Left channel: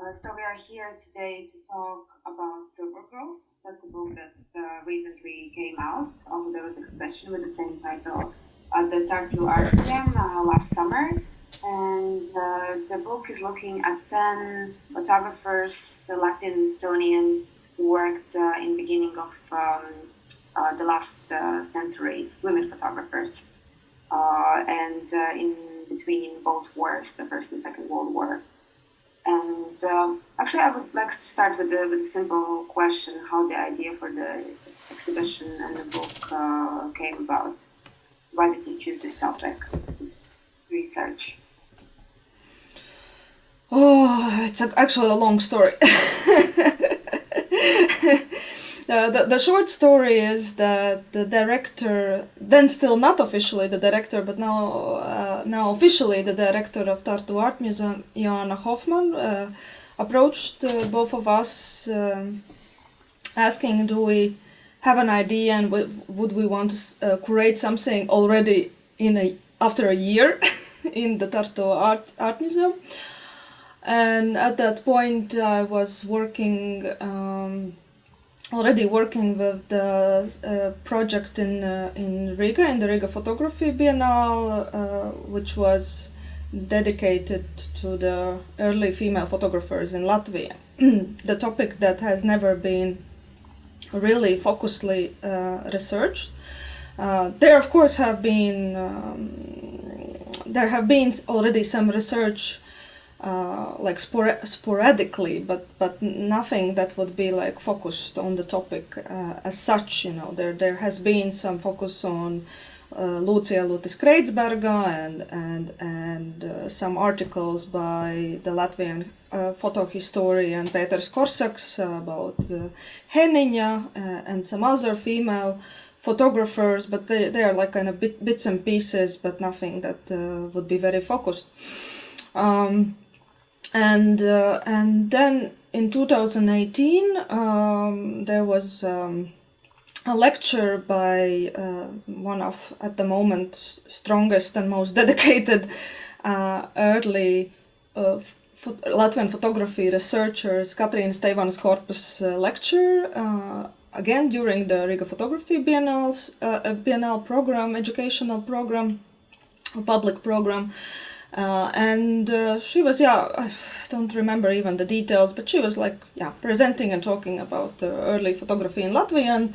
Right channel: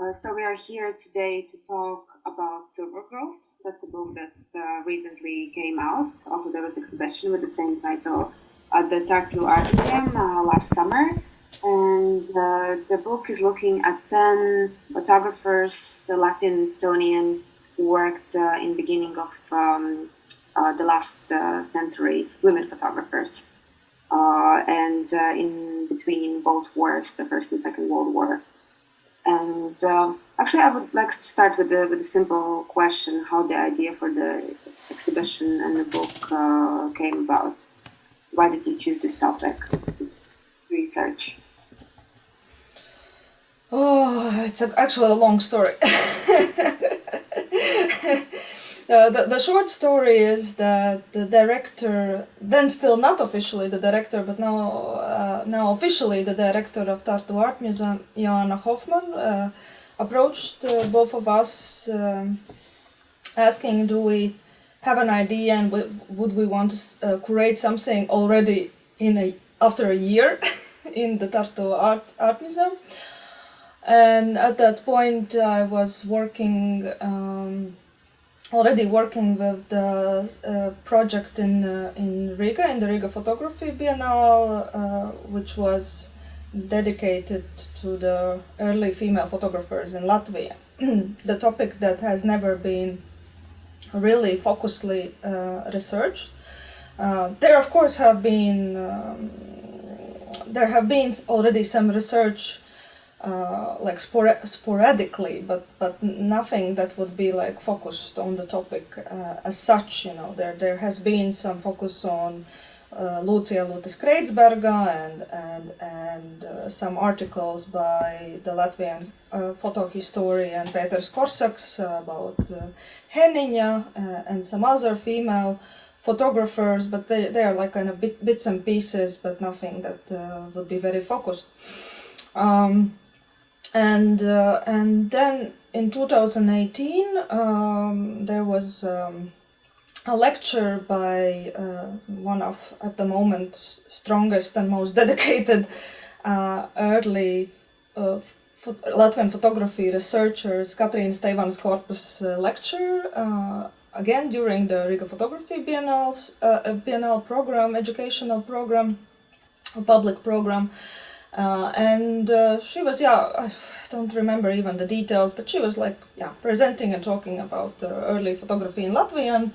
So we are here today to talk about Silver Girls. That's a book that recently came out. Also, there was an exhibition with the same title at the Tartu Art Museum last summer. And the book is looking at 10 photographers, Latvian and Estonian, who worked in beginning of the last century, women photographers. And in between both wars, the First and Second World War. And actually, I would like to start with a simple question: how the idea for the exhibition and the book came about. Why did you choose this topic to research? Oh, it's actually a long story. The short story is that the director, then still not officially the director, but now officially the director of Tartu Art Museum, Jan Hoffman, approached both of us asking, do we have an idea and would we want to create something already after a year in the Tartu Art Museum. And at that point I was already working with the project in Riga, in the Riga Photography Biennale, which was dedicated to the early female photographers in Latvia. The topic that has never been really focusedly researched. There of course have been already some research like sporadically, but nothing that would be like focused on the topic as such. You know, there has been some focus on Lucija Lutis-Kreitsberga and some articles by the Latvian photo historian Pēters Korsaks about Heniņa and some other female photographers, but they are like kind of bits and pieces, but nothing that would be very focused. And then in 2018 there was a lecture by one of, at the moment, strongest and most dedicated early Latvian photography researchers, Katrīnas Teivanas Korpas lecture, again during the Riga Photography Biennale program, educational program, public program. And she was, I don't remember even the details, but she was like, presenting and talking about the early photography in Latvia.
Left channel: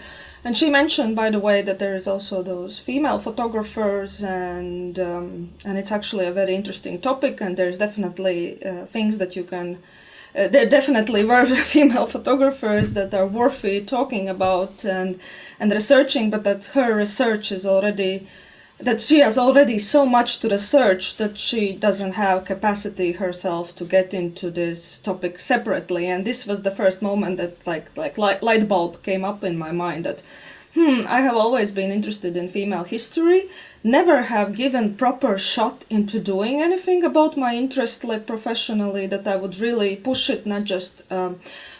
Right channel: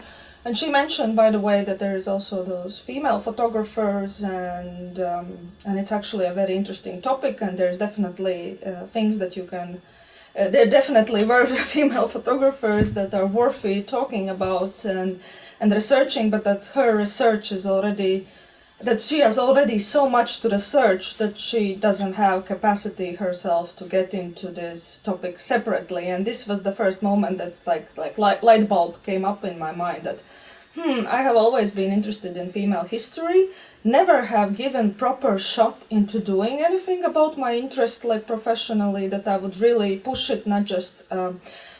And she mentioned, by the way, that there is also those female photographers, and it's actually a very interesting topic. And there's definitely things that you can. There definitely were female photographers that are worthy talking about and researching, but that her research is already. That she has already so much to research that she doesn't have capacity herself to get into this topic separately. And this was the first moment that like light bulb came up in my mind that I have always been interested in female history, never have given proper shot into doing anything about my interest like professionally, that I would really push it, not just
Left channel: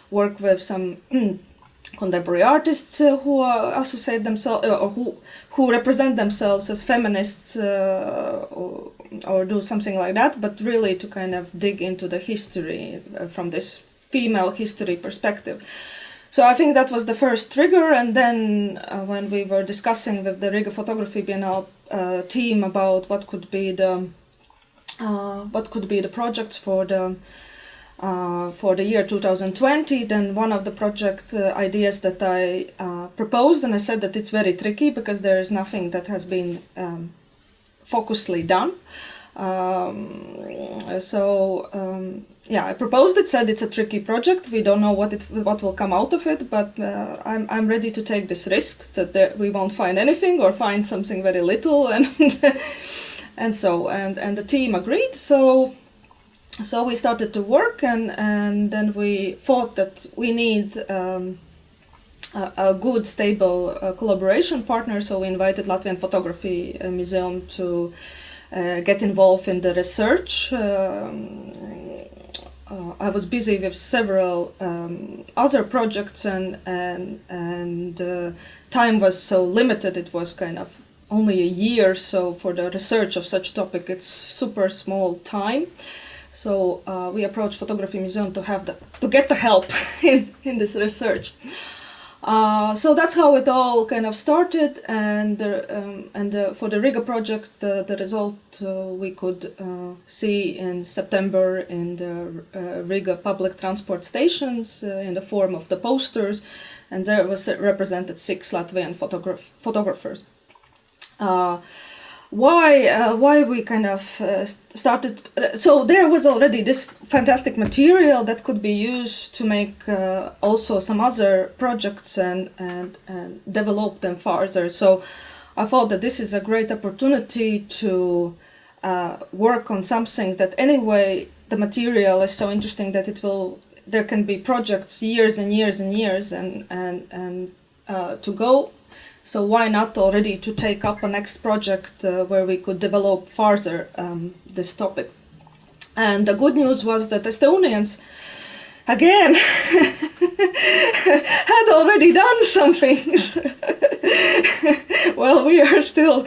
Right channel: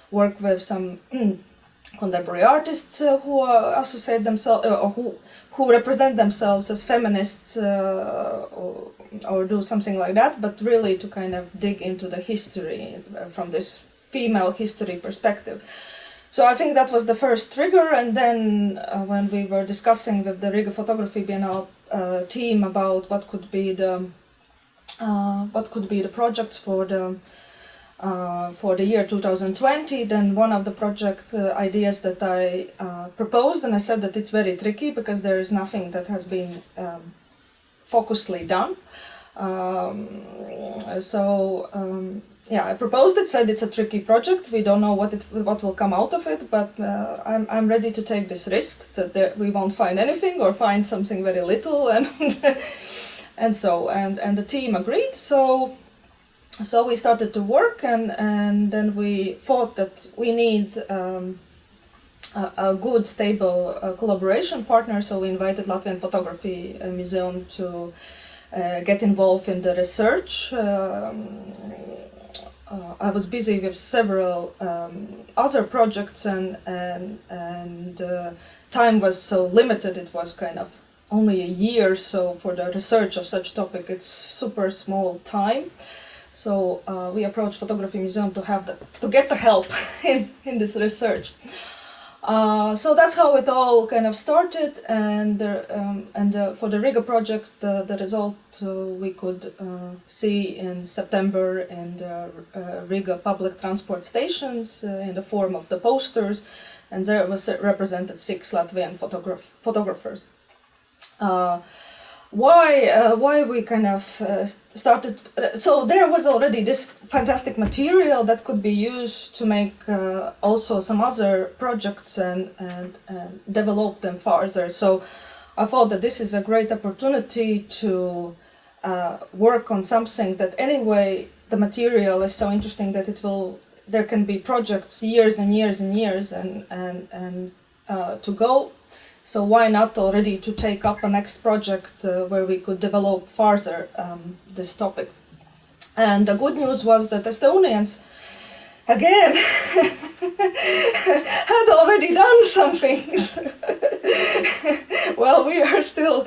work with some contemporary artists who associate themselves or who represent themselves as feminists or do something like that, but really to kind of dig into the history from this female history perspective. So I think that was the first trigger, and then when we were discussing with the Riga Photography Biennale team about what could be the projects for the year 2020, then one of the project ideas that I proposed, and I said that it's very tricky because there is nothing that has been focusedly done. I proposed it, said it's a tricky project. We don't know what will come out of it, but I'm ready to take this risk that we won't find anything or find something very little, and and the team agreed. So we started to work, and then we thought that we need a good, stable collaboration partner. So we invited Latvian Photography Museum to get involved in the research. I was busy with several other projects, and time was so limited. It was kind of only a year, so for the research of such topic, it's super small time. So we approached Photography Museum to get the help in this research. So that's how it all kind of started, and for the Riga project, the result we could see in September in the Riga public transport stations in the form of the posters, and there was represented 6 Latvian photographers. Why we kind of started, so there was already this fantastic material that could be used to make also some other projects and develop them further. So I thought that this is a great opportunity to work on something that anyway the material is so interesting that there can be projects years and years and years and to go. So why not already to take up a next project where we could develop further this topic. And the good news was that Estonians, again, had already done some things. Well, we are still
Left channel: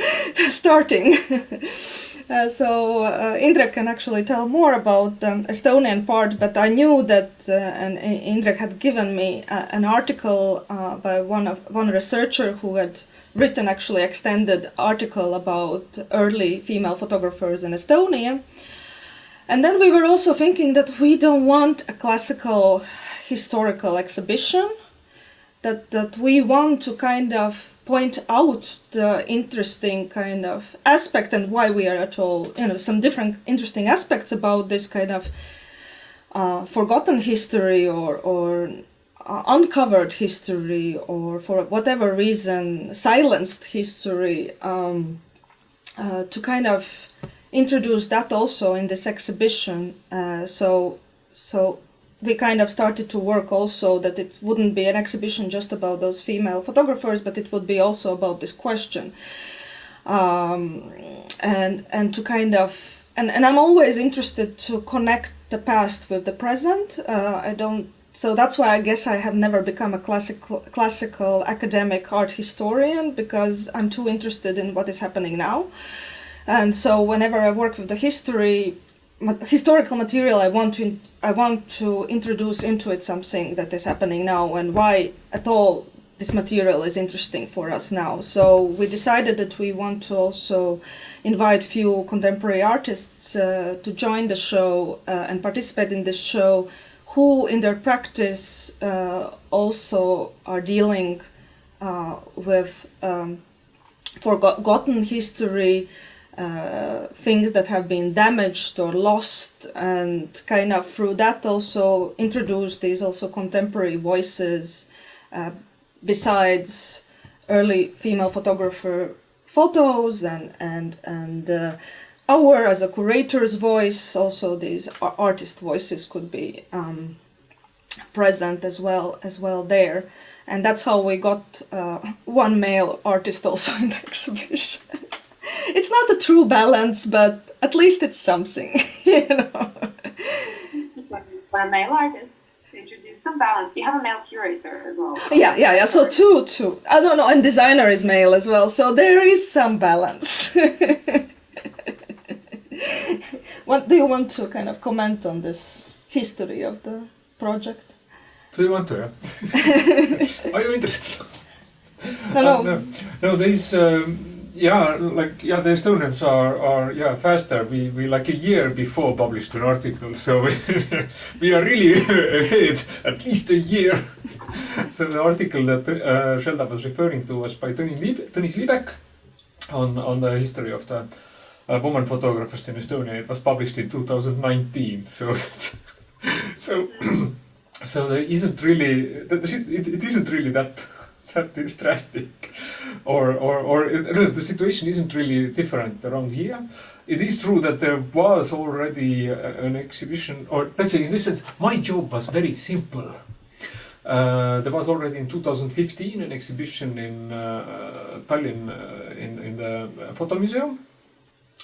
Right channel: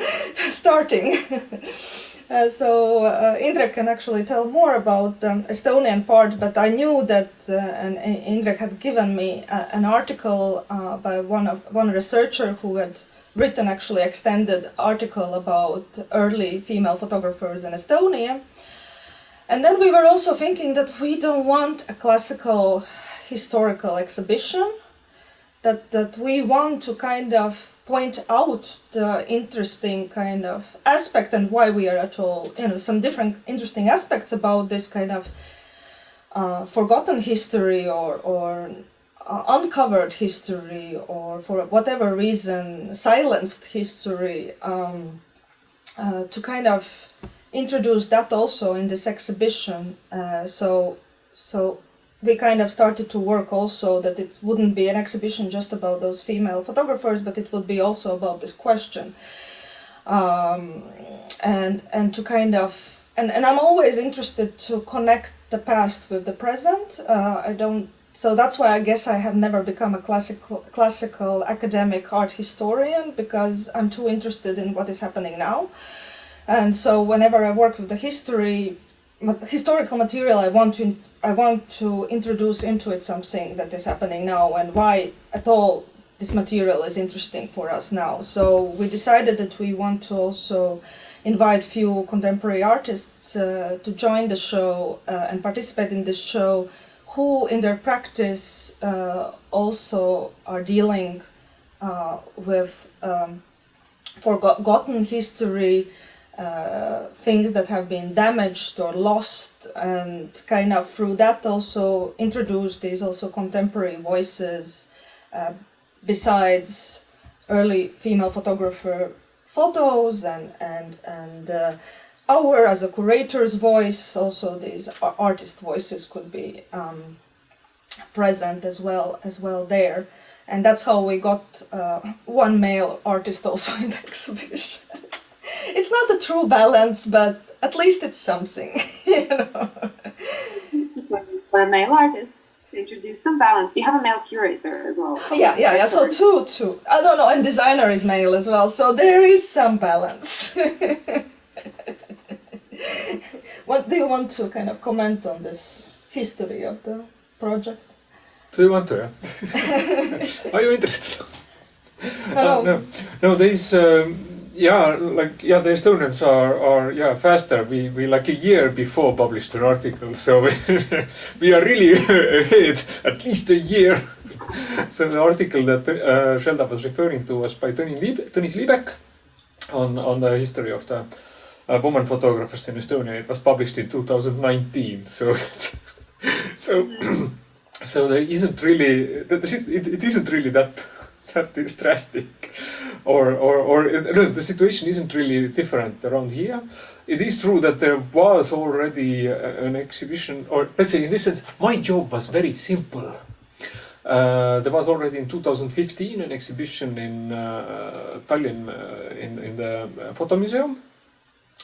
starting. So Indrek can actually tell more about the Estonian part, but I knew that, and Indrek had given me an article by one researcher who had written actually extended article about early female photographers in Estonia. And then we were also thinking that we don't want a classical historical exhibition, that we want to kind of point out the interesting kind of aspect and why we are at all, some different interesting aspects about this kind of forgotten history or uncovered history, or for whatever reason silenced history, to kind of introduce that also in this exhibition. So we kind of started to work also that it wouldn't be an exhibition just about those female photographers, but it would be also about this question. And to kind of, and I'm always interested to connect the past with the present. So that's why I guess I have never become a classical academic art historian, because I'm too interested in what is happening now. And so whenever I work with the historical material, I want to introduce into it something that is happening now and why at all this material is interesting for us now. So we decided that we want to also invite few contemporary artists to join the show and participate in this show, who in their practice also are dealing with forgotten history, things that have been damaged or lost, and kind of through that also introduce these also contemporary voices besides early female photographer photos and our as a curator's voice. Also these artist voices could be present as well there, and that's how we got one male artist also in the exhibition. It's not a true balance, but at least it's something, For a male artist, introduce some balance. You have a male curator as well. Yeah. So two. No, and designer is male as well. So there is some balance. What do you want to kind of comment on this history of the project? Do you want to? Yeah? Are you interested? No. There's. The Estonians are faster. We like a year before published an article, so we are really ahead, at least a year. So the article that Šelda was referring to was by Tõnis Liibek on the history of the woman photographers in Estonia. It was published in 2019, so there isn't really it isn't really that drastic. Or the situation isn't really different around here. It is true that there was already an exhibition, or let's say in this sense, my job was very simple. There was already in 2015 an exhibition in Tallinn in the Fotomuuseum.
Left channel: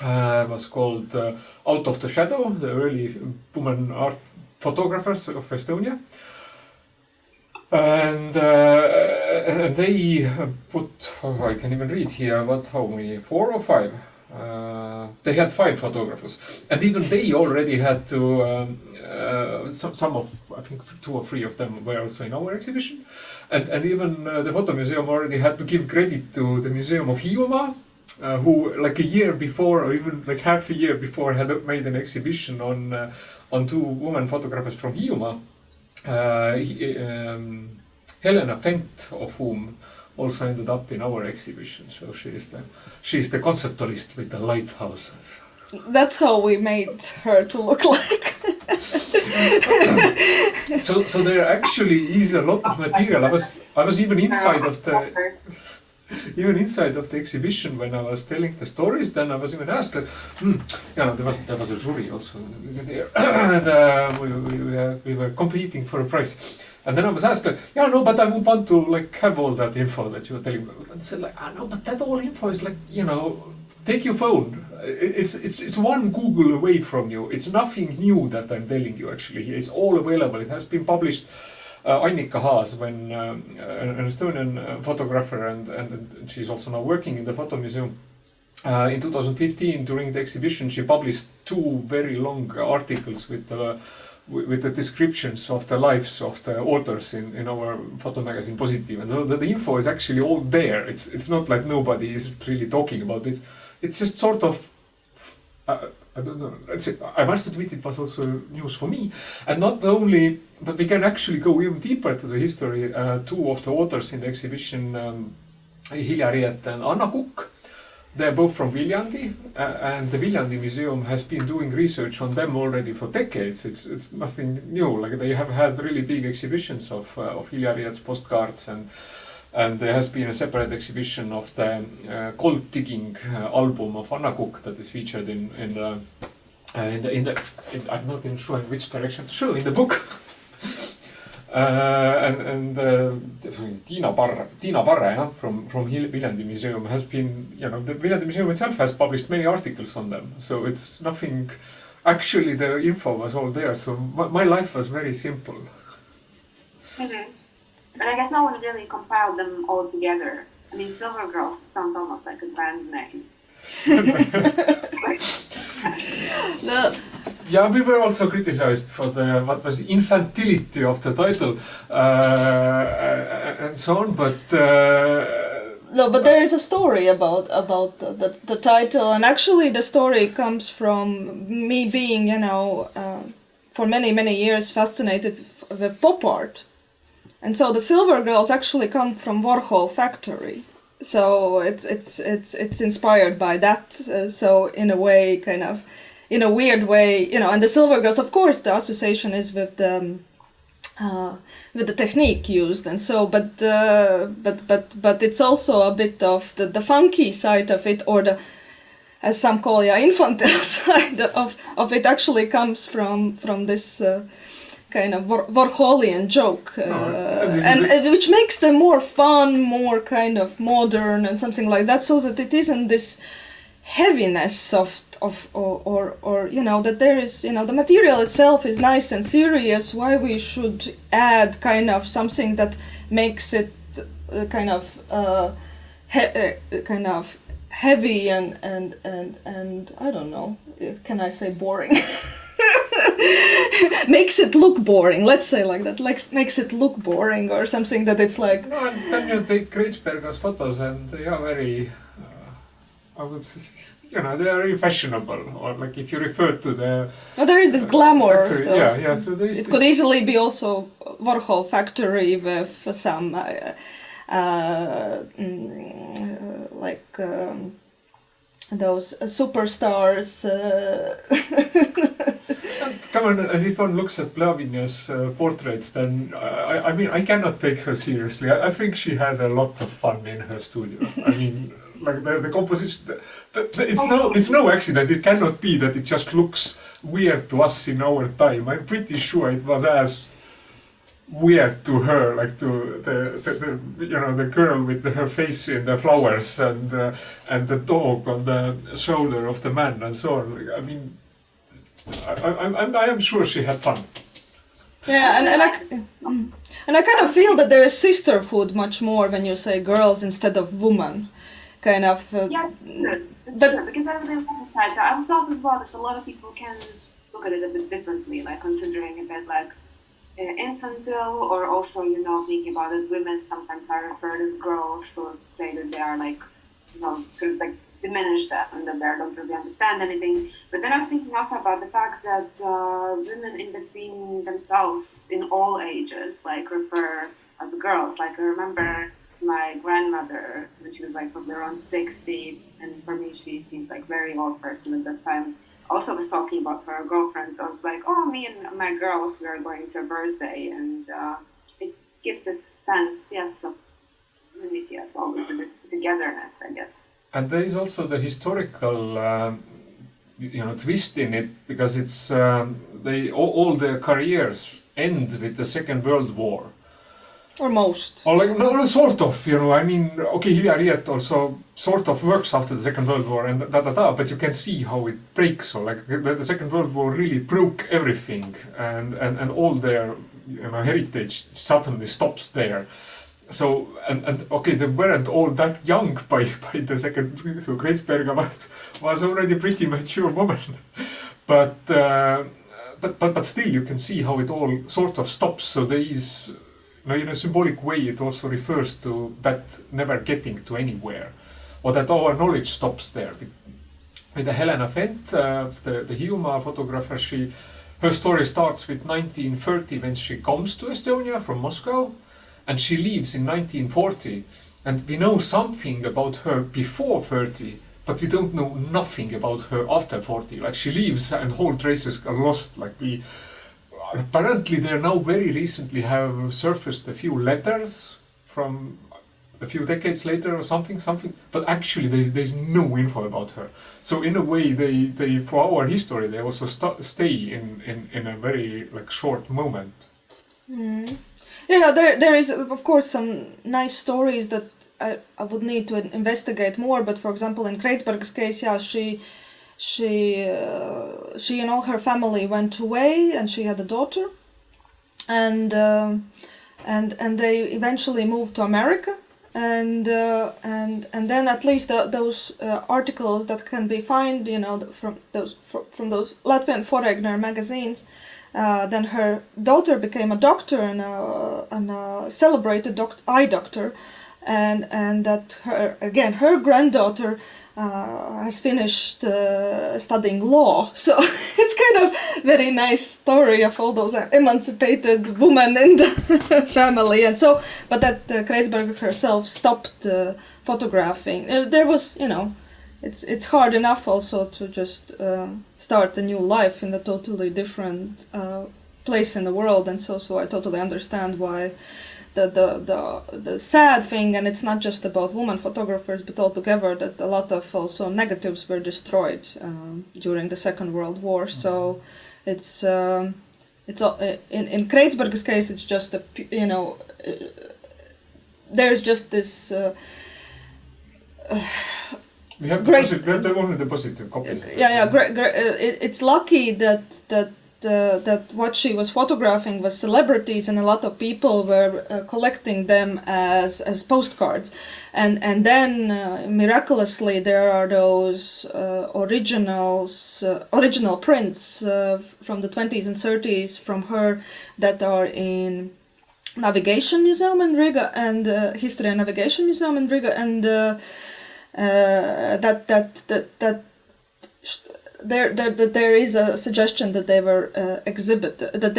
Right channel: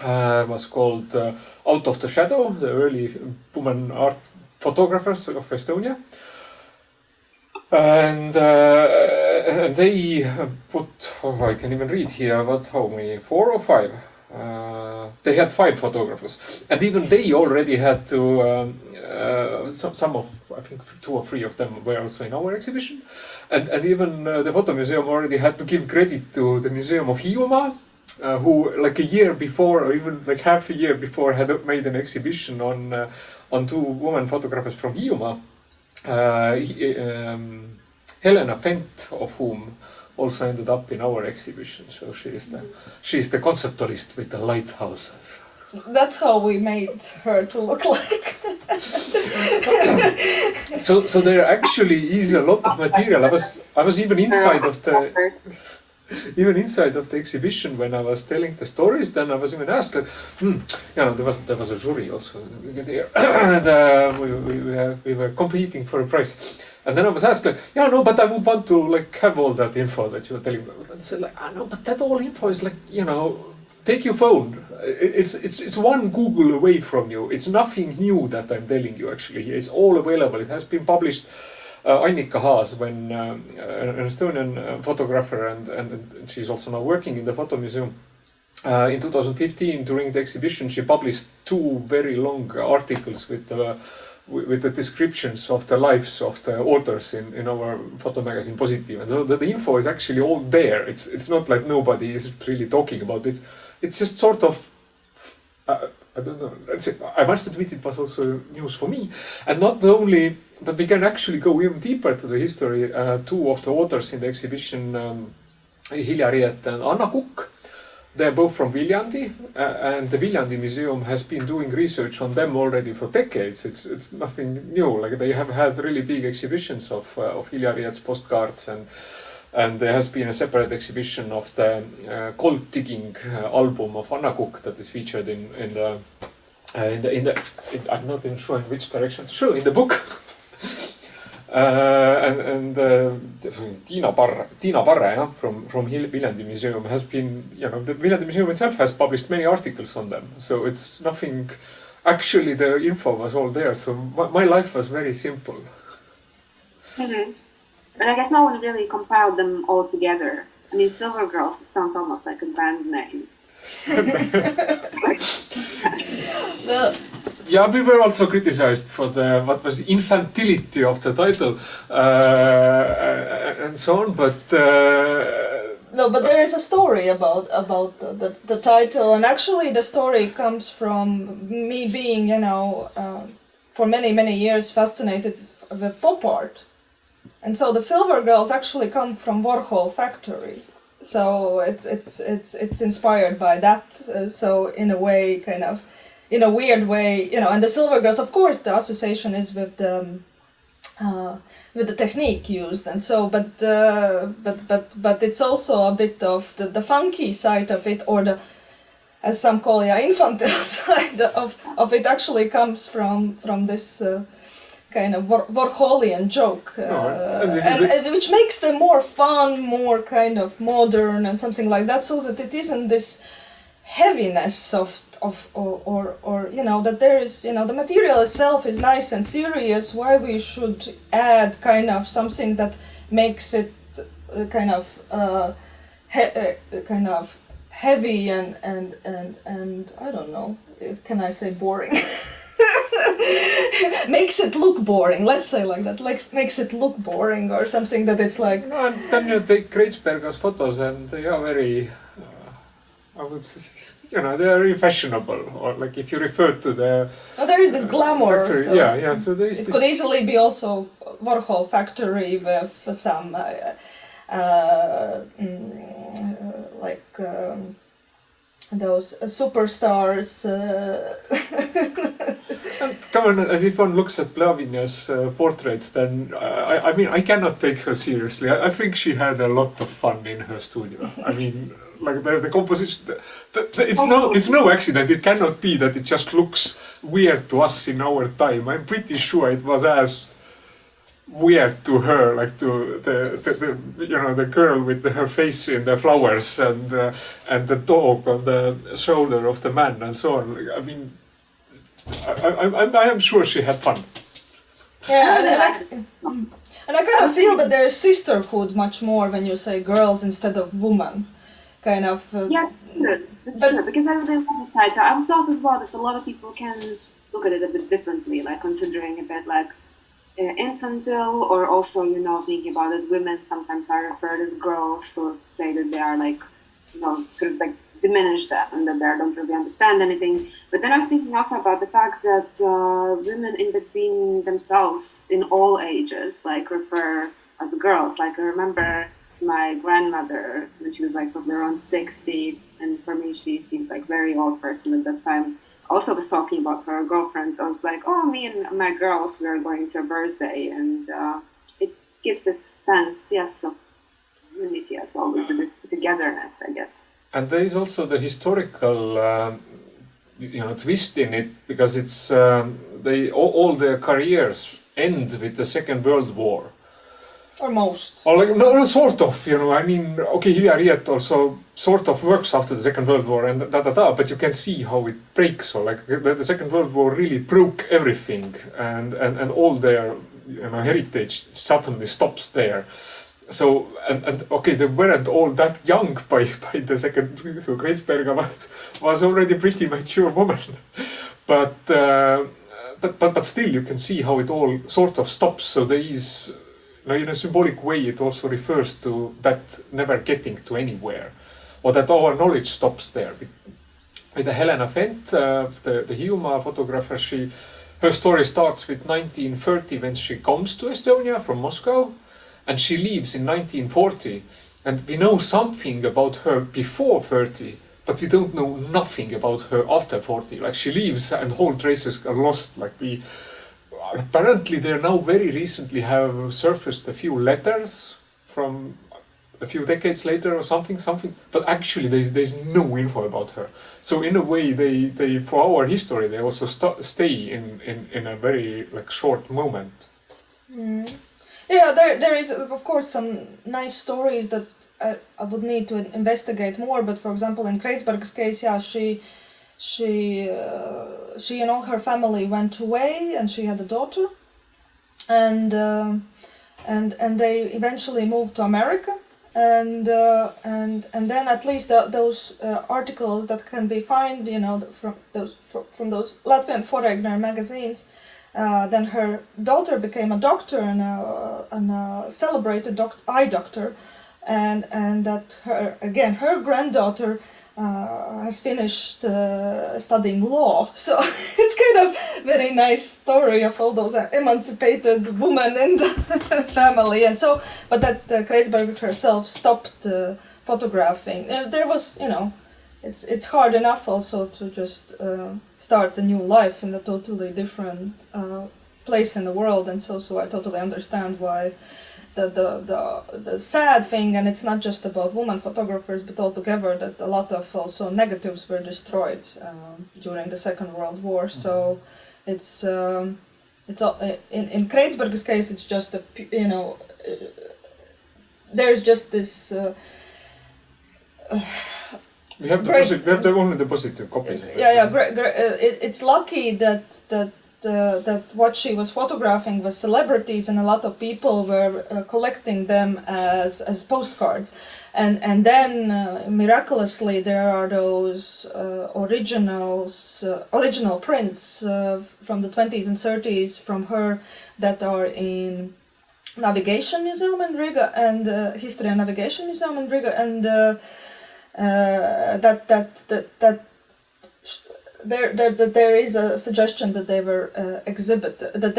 It was called Out of the Shadow, the early women art photographers of Estonia. And they put, I can even read here, how many, 4 or 5 they had 5 photographers, and even they already had to. Some of, I think 2 or 3 of them were also in our exhibition, and even the photo museum already had to give credit to the Museum of Hiiumaa, who like a year before, or even like half a year before, had made an exhibition on 2 women photographers from Hiiumaa. Helena Fent, of whom also ended up in our exhibition. So she's the conceptualist with the lighthouses. That's how we made her to look like. So there actually is a lot of material. I was even inside of the exhibition when I was telling the stories. Then I was even asked, like, there was a jury also there, and we were competing for a prize. And then I was asked, like, but I would want to like have all that info that you were telling me. And I said, like, no, but that all info is like, take your phone. It's one Google away from you. It's nothing new that I'm telling you actually. It's all available. It has been published. Annika Haas, when an Estonian photographer, and she's also now working in the photo museum. In 2015, during the exhibition, she published 2 very long articles with the descriptions of the lives of the authors in our photo magazine Positive, and the info is actually all there. It's not like nobody is really talking about it. It's just sort of. I don't know. I must admit it was also news for me, and not only, but we can actually go even deeper to the history. 2 of the authors in the exhibition, Hilja Riet and Anna Kukk, they're both from Viljandi, and the Viljandi Museum has been doing research on them already for decades. It's nothing new. Like they have had really big exhibitions of Hilja Riet's postcards, and there has been a separate exhibition of the gold digging album of Anna Kukk that is featured in the I'm not even sure in which direction to show in the book. And Tiina Parre from Viljandi Museum has been, the Viljandi Museum itself has published many articles on them. So it's nothing, actually the info was all there. So my life was very simple. Mm-hmm. But I guess no one really compiled them all together. I mean, Silver Girls, it sounds almost like a band name. Yeah, we were also criticized for what was infantility of the title and so on, but no, but there is a story about the title, and actually the story comes from me being, for many years fascinated with pop art, and so the Silver Girls actually come from Warhol factory. So it's inspired by that. So in a way, kind of, in a weird way, and the Silver Girls, of course, the association is with the technique used, and so, but it's also a bit of the funky side of it, or the, as some call it, infantile side of it. Actually comes from this. Kind of Warholian joke, and which makes them more fun, more kind of modern, and something like that, so that it isn't this heaviness of that there is, the material itself is nice and serious. Why we should add kind of something that makes it kind of heavy and I don't know, can I say boring? Makes it look boring, let's say like that, makes it look boring or something that it's like... No, and then you take Kreitsberga's photos and they are very, I would say, they are very fashionable, or like if you refer to the... Oh, there is this glamour. So so there is it could easily be also Warhol factory with some those superstars. Come on, and if one looks at Plavinja's portraits, then I mean, I cannot take her seriously. I think she had a lot of fun in her studio. I mean, like the composition, it's no accident. It cannot be that it just looks weird to us in our time. I'm pretty sure it was as weird to her, like to the girl with her face in the flowers and the dog on the shoulder of the man and so on. I mean, I am sure she had fun. Yeah, and I kind of feel that there is sisterhood much more when you say girls instead of woman, kind of. Yeah, that's true. Because I really like the title. I thought as well that a lot of people can look at it a bit differently, like considering a bit like infantile, or also, thinking about it, women sometimes are referred as girls, or say that they are like, sort of like diminish that and that they don't really understand anything. But then I was thinking also about the fact that women in between themselves in all ages like refer as girls. Like I remember my grandmother when she was like probably around 60, and for me she seemed like very old person at that time. Also was talking about her girlfriends. I was like, oh, me and my girls, we are going to a birthday, and it gives this sense, yes, of unity as well, with this togetherness, I guess. And there is also the historical, twist in it, because it's all their careers end with the Second World War. Or most. Or like, no, sort of, I mean, okay, Hilja also sort of works after the Second World War and but you can see how it breaks. Or like the Second World War really broke everything, and all their heritage suddenly stops there. So and okay, they weren't all that young by the second. So Kreuzberger was already a pretty mature woman, but still you can see how it all sort of stops. So there is, in a symbolic way, it also refers to that never getting to anywhere, or that our knowledge stops there. With the Helena Fent, the Hiiumaa photographer, her story starts with 1930 when she comes to Estonia from Moscow. And she leaves in 1940, and we know something about her before 30, but we don't know nothing about her after 40. Like she leaves and whole traces are lost. Like apparently there now very recently have surfaced a few letters from a few decades later or something, but actually there's no info about her. So in a way they for our history, they also stay in a very like short moment. Mm. Yeah, there is of course some nice stories that I would need to investigate more. But for example, in Kreuzberg's case, yeah, she and all her family went away, and she had a daughter, and they eventually moved to America, and then at least those articles that can be found, from those Latvian Foreigner magazines. Then her daughter became a doctor and a celebrated eye doctor, and that her granddaughter has finished studying law. So it's kind of very nice story of all those emancipated women in the family. And so, but that Kreuzberger herself stopped photographing. There was, it's hard enough also to just start a new life in a totally different place in the world, and so I totally understand why the sad thing, and it's not just about women photographers, but altogether that a lot of also negatives were destroyed during the Second World War. So it's in Kreuzberg's case, it's just there's just this. We have only the positive copy. Yeah. Great. It's lucky that what she was photographing was celebrities, and a lot of people were collecting them as postcards, and then miraculously there are those original prints from the 20s and 30s from her that are in Navigation Museum in Riga and History and Navigation Museum in Riga, and there is a suggestion that they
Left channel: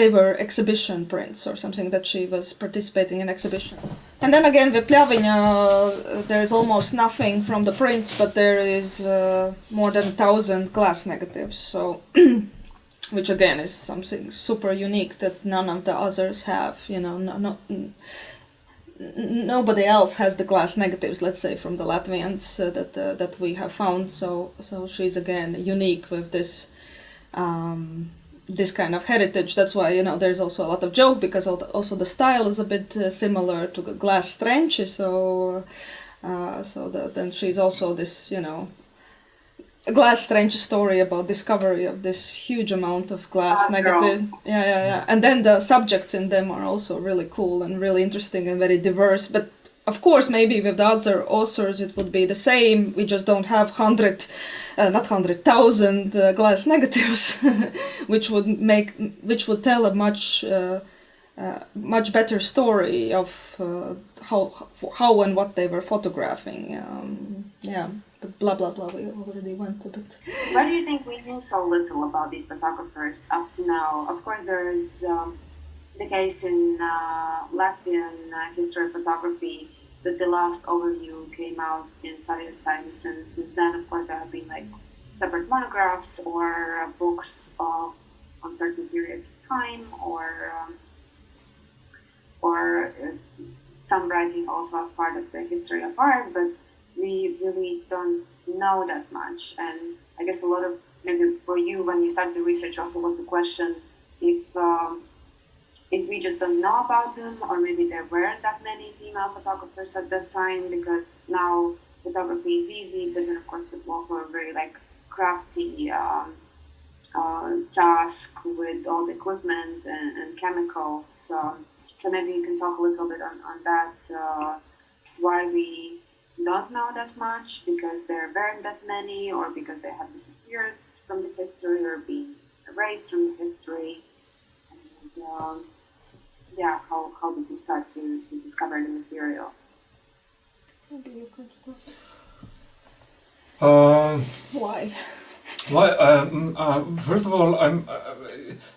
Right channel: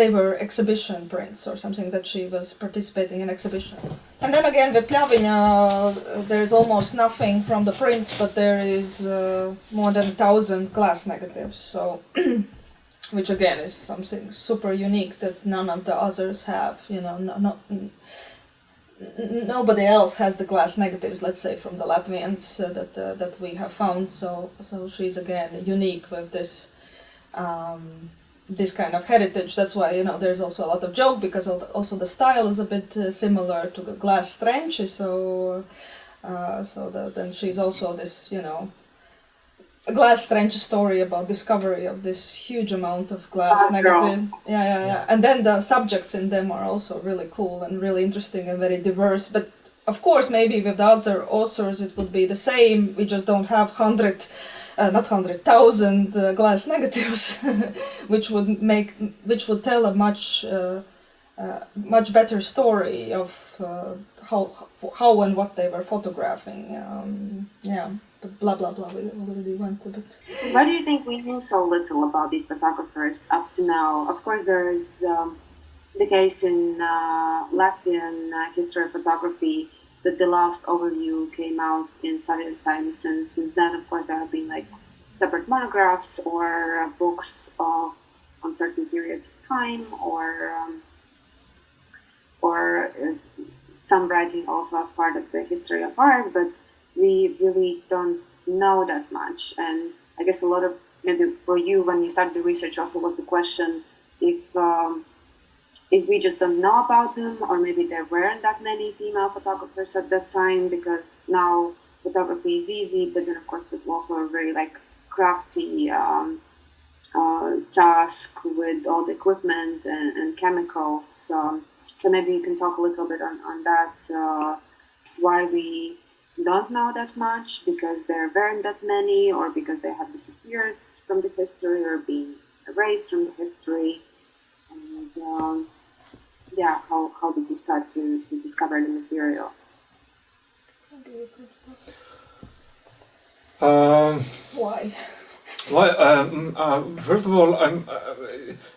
were exhibition prints or something, that she was participating in exhibition. And then again, with Pļaviņa, there is almost nothing from the prints, but there is more than 1,000 glass negatives. So, which again is something super unique that none of the others have. Nobody else has the glass negatives, let's say, from the Latvians that we have found. So she's again unique with this this kind of heritage. That's why there's also a lot of joke, because also the style is a bit similar to the glass strange. So then she's also this a glass strange story about discovery of this huge amount of glass negative. Yeah. And then the subjects in them are also really cool and really interesting and very diverse. But of course, maybe with the other authors it would be the same. We just don't have 100,000 glass negatives, which would tell a much better story of how and what they were photographing. But blah blah blah. We already went a bit. Why do you think we know so little about these photographers up to now? Of course, there is the case in Latvian history of photography that the last overview came out in Soviet times, and since then, of course, there have been like separate monographs or books on certain periods of time, or some writing also as part of the history of art, but we really don't know that much. And I guess a lot of, maybe for you, when you started the research, also was the question if we just don't know about them, or maybe there weren't that many female photographers at that time, because now photography is easy, but then of course it's also a very like crafty task with all the equipment and chemicals. So maybe you can talk a little bit on that, why we don't know that much, because there weren't that many, or because they have disappeared from the history or been erased from the history. And how did you start to discover the material? Maybe you could start. Why? First of all,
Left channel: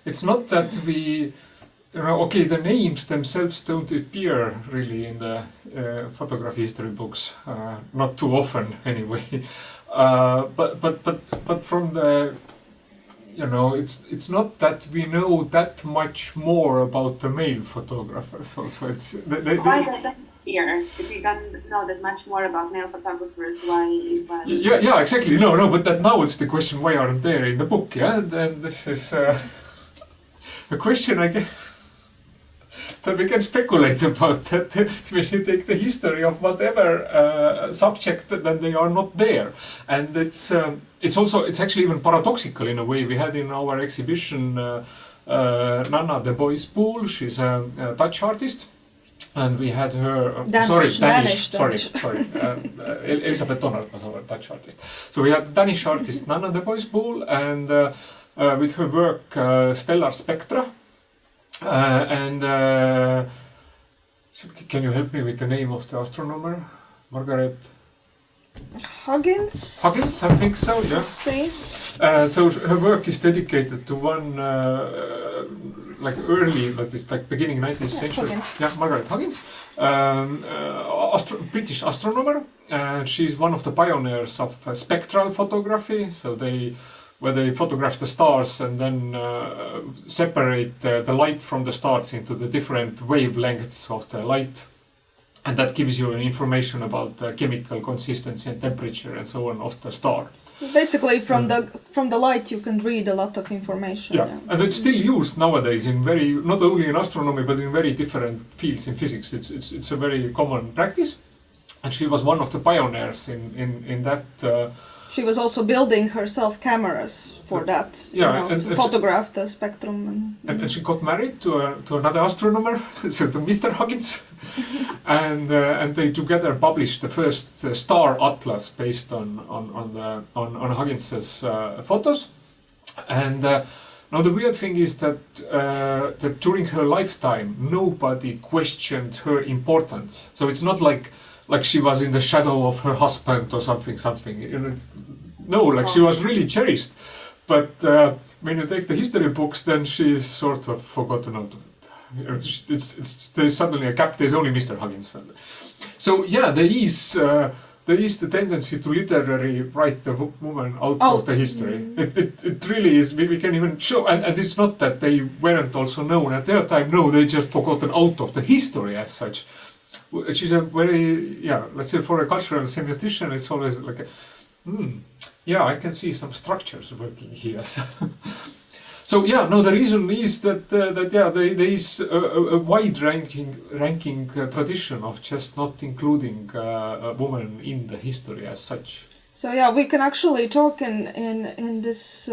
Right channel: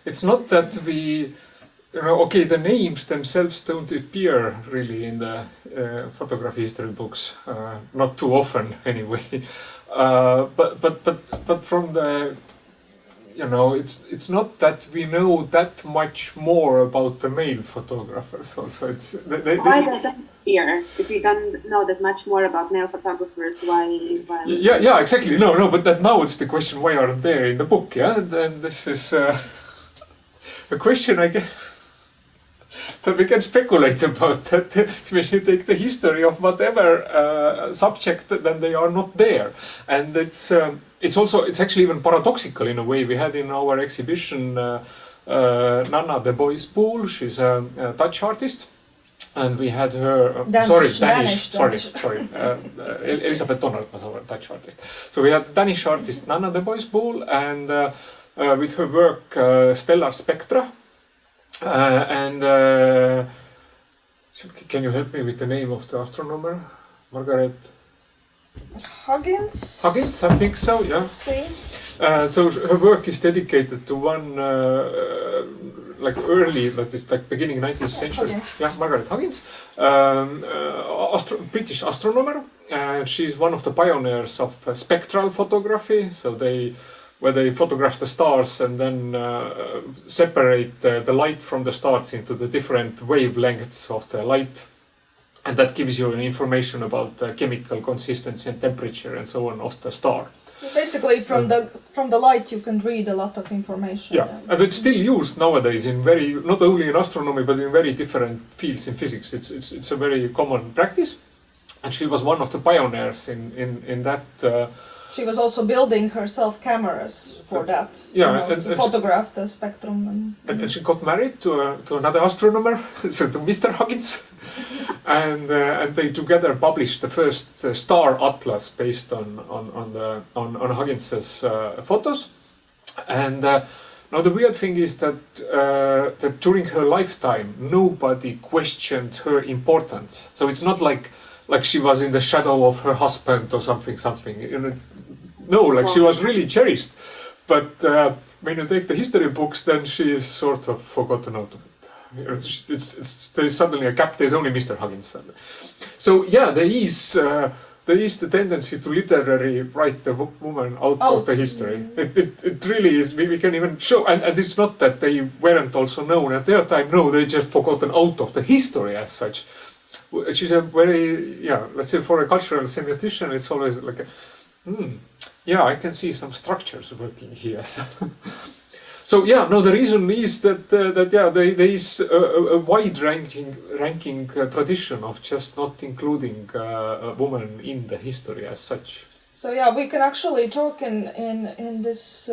it's not that we, the names themselves don't appear really in the photography history books, not too often anyway. But from the, it's not that we know that much more about the male photographers. Also, it's why is that here? If we don't know that much more about male photographers, why? Yeah, exactly. No, but that now it's the question: why aren't they in the book? Yeah, and this is a question I guess that we can speculate about. That when you take the history of whatever subject, then they are not there, and it's actually even paradoxical in a way. We had in our exhibition Nanna the Boys Pool. She's a Dutch artist, and we had her. Danish. Elisabeth Donald was our Dutch artist. So we had the Danish artist Nanna the Boys Pool, and with her work Stellar Spectra. Can you help me with the name of the astronomer? Margaret Huggins, I think so, yeah. Let's see. So her work is dedicated to one early, that is like beginning 19th century. Huggins. Yeah, Margaret Huggins, British astronomer. She's one of the pioneers of spectral photography. So where they photograph the stars and then separate the light from the stars into the different wavelengths of the light. And that gives you information about chemical consistency and temperature and so on of the star. Basically, from the light you can read a lot of information. Yeah, and it's still used nowadays in not only in astronomy but in very different fields in physics. It's a very common practice, and she was one of the pioneers in that. She was also building herself cameras for that. Yeah, to photograph the spectrum. And she got married to another astronomer, so to Mr. Huggins, and they together published the first star atlas based on Huggins's photos. And now the weird thing is that during her lifetime nobody questioned her importance. So it's not like she was in the shadow of her husband or something. She was really cherished. But when you take the history books, then she is sort of forgotten out of it. There's suddenly a gap. There's only Mr. Huggins. So yeah, there is the tendency to literally write the woman out of the history. It really is. We can even show, and it's not that they weren't also known at their time. No, they just forgotten out of the history as such. She's a very, let's say for a cultural semiotician, it's always like, I can see some structures working here. So the reason is that there is a wide-ranking tradition of just not including a woman in the history as such. So we can actually talk in this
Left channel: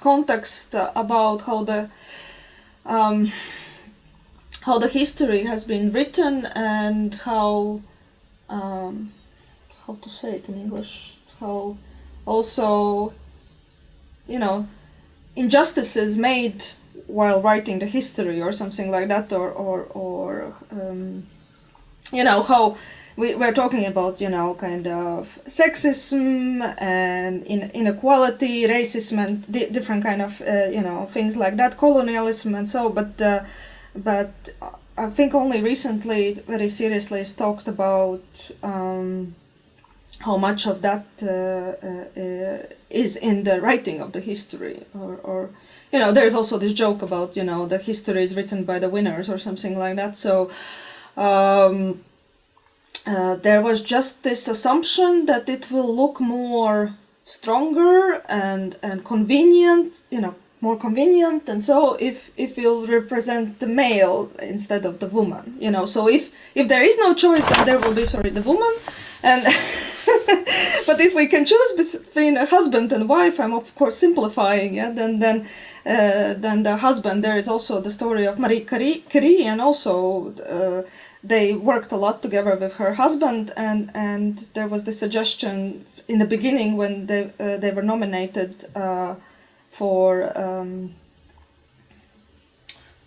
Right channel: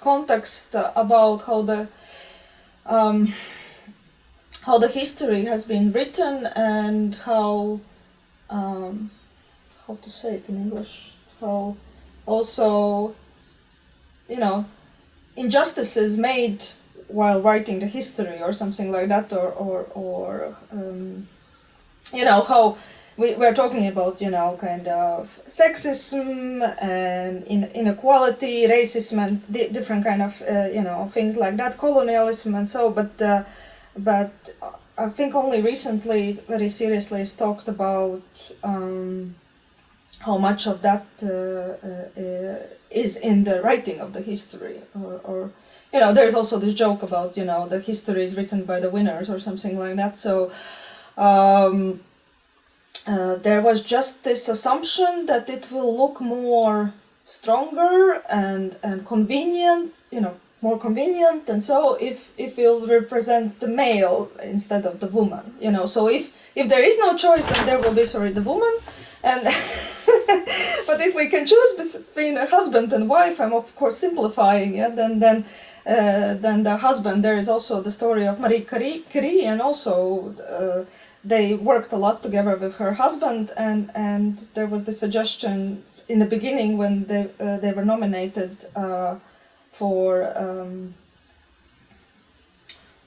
context about how the history has been written and how how to say it in English, how also, injustices made while writing the history or something like that, or how we're talking about, kind of sexism and inequality, racism, and different kind of, things like that, colonialism and so, but I think only recently, very seriously, is talked about how much of that is in the writing of the history, or there's also this joke about, the history is written by the winners or something like that. So there was just this assumption that it will look more stronger and convenient, more convenient, and so if it'll represent the male instead of the woman, so if there is no choice, then there will be the woman, and but if we can choose between a husband and wife, I'm of course simplifying, then the husband. There is also the story of Marie Curie, and also they worked a lot together with her husband, and there was the suggestion in the beginning when they were nominated for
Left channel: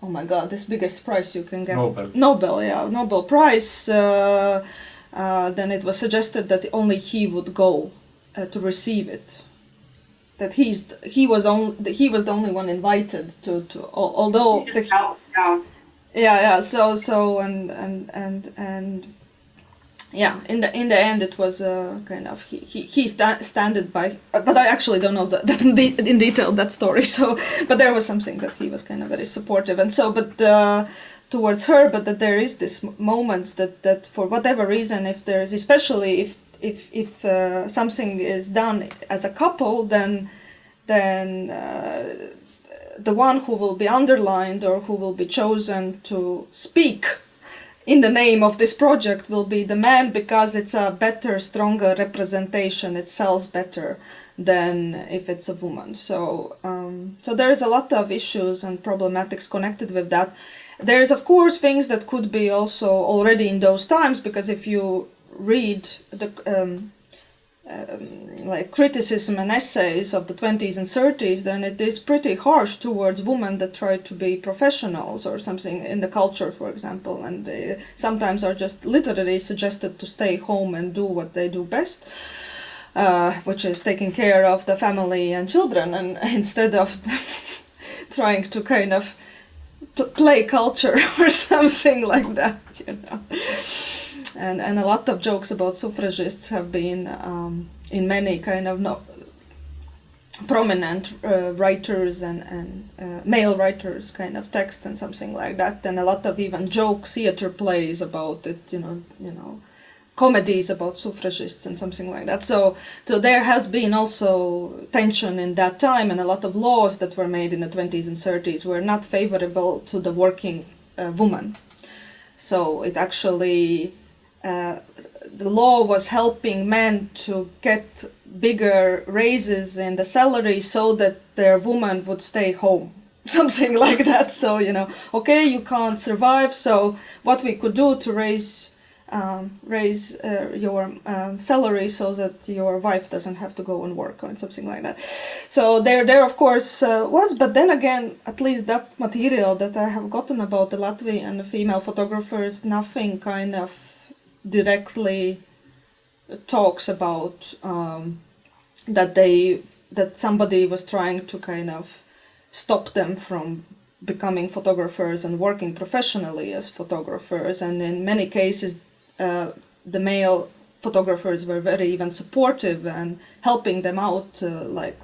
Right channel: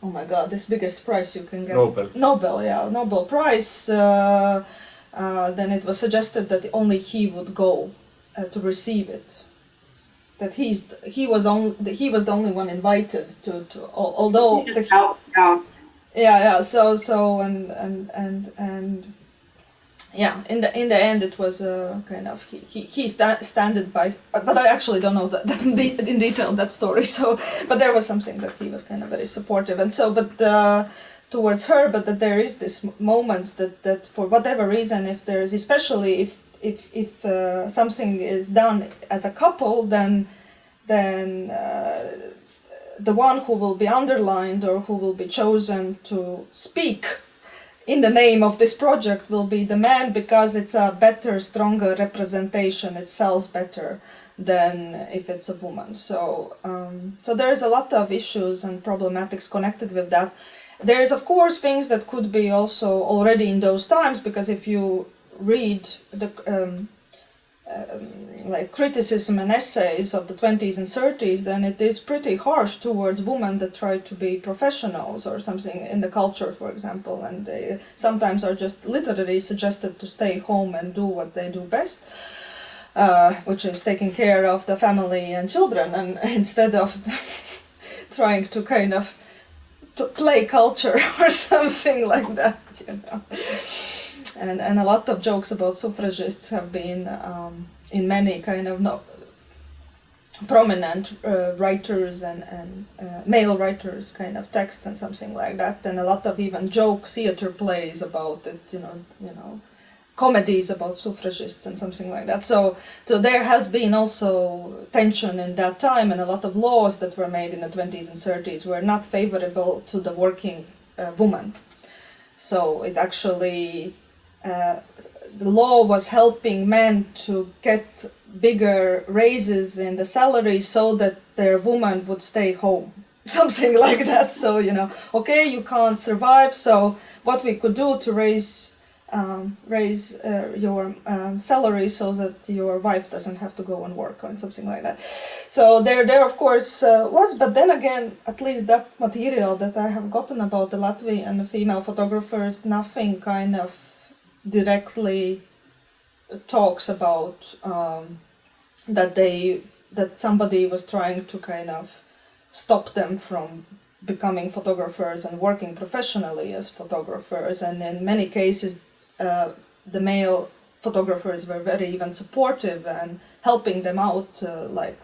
oh my god, this biggest prize you can get, Nobel Prize. Then it was suggested that only he would go to receive it. That he was the only one invited to although he just held out. Yeah. So and yeah, in the end it was kind of he standed by, but I actually don't know that in detail, that story. So, but there was something that he was kind of very supportive, and so, but towards her, but that there is this moments that for whatever reason, if there is, especially if something is done as a couple, then the one who will be underlined or who will be chosen to speak in the name of this project will be the man, because it's a better, stronger representation. It sells better than if it's a woman. So there's a lot of issues and problematics connected with that. There's of course things that could be also already in those times, because if you read the like criticism and essays of the 20s and 30s, then it is pretty harsh towards women that try to be professionals or something in the culture, for example, and they sometimes are just literally suggested to stay home and do what they do best, which is taking care of the family and children, and instead of trying to kind of play culture or something like that, And a lot of jokes about suffragists have been in many kind of prominent writers and male writers kind of texts and something like that, and a lot of even joke theater plays about it, comedies about suffragists and something like that. So there has been also tension in that time, and a lot of laws that were made in the 20s and 30s were not favorable to the working woman. So it actually the law was helping men to get bigger raises in the salary so that their woman would stay home, something like that. So okay, you can't survive, so what we could do to raise your salary so that your wife doesn't have to go and work or something like that. So there of course was, but then again, at least that material that I have gotten about the Latvian female photographers, nothing kind of directly talks about that somebody was trying to kind of stop them from becoming photographers and working professionally as photographers. And in many cases the male photographers were very even supportive and helping them out, like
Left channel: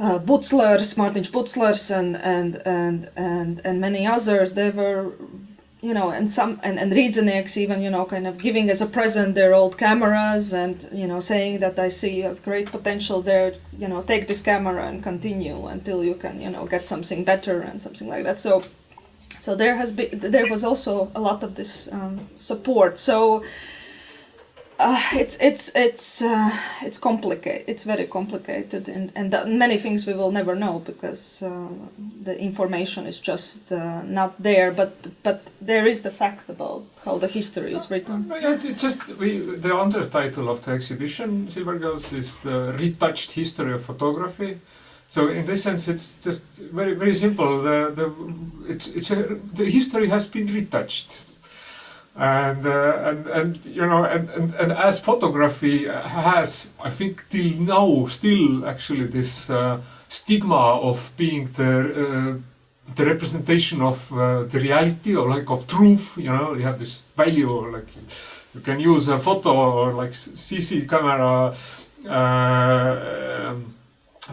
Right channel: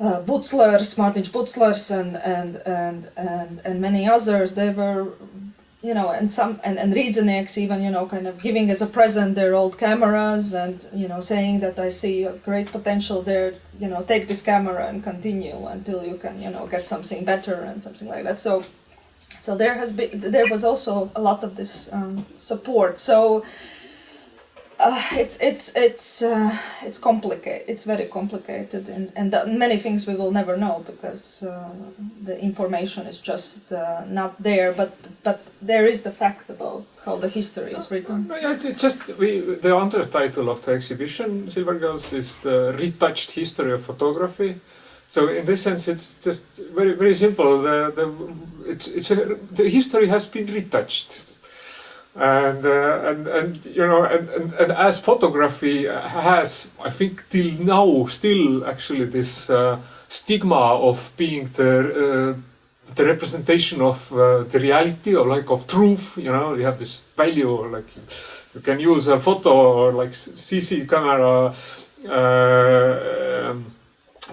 Butzlers, Martin Butzlers and many others. They were, and Rīdzinieks even, kind of giving as a present their old cameras and, saying that I see a great potential there, take this camera and continue until you can, get something better and something like that. So there was also a lot of this support. So it's complicated. It's very complicated, and many things we will never know because the information is just not there. But there is the fact about how the history is written. Yeah, it's just the undertitle of the exhibition, Silver Girls, is the retouched history of photography. So in this sense, it's just very very simple. The history has been retouched. And you know, and as photography has, I think till now still actually this stigma of being the representation of the reality or like of truth. You know, you have this value, like you can use a photo or like CC camera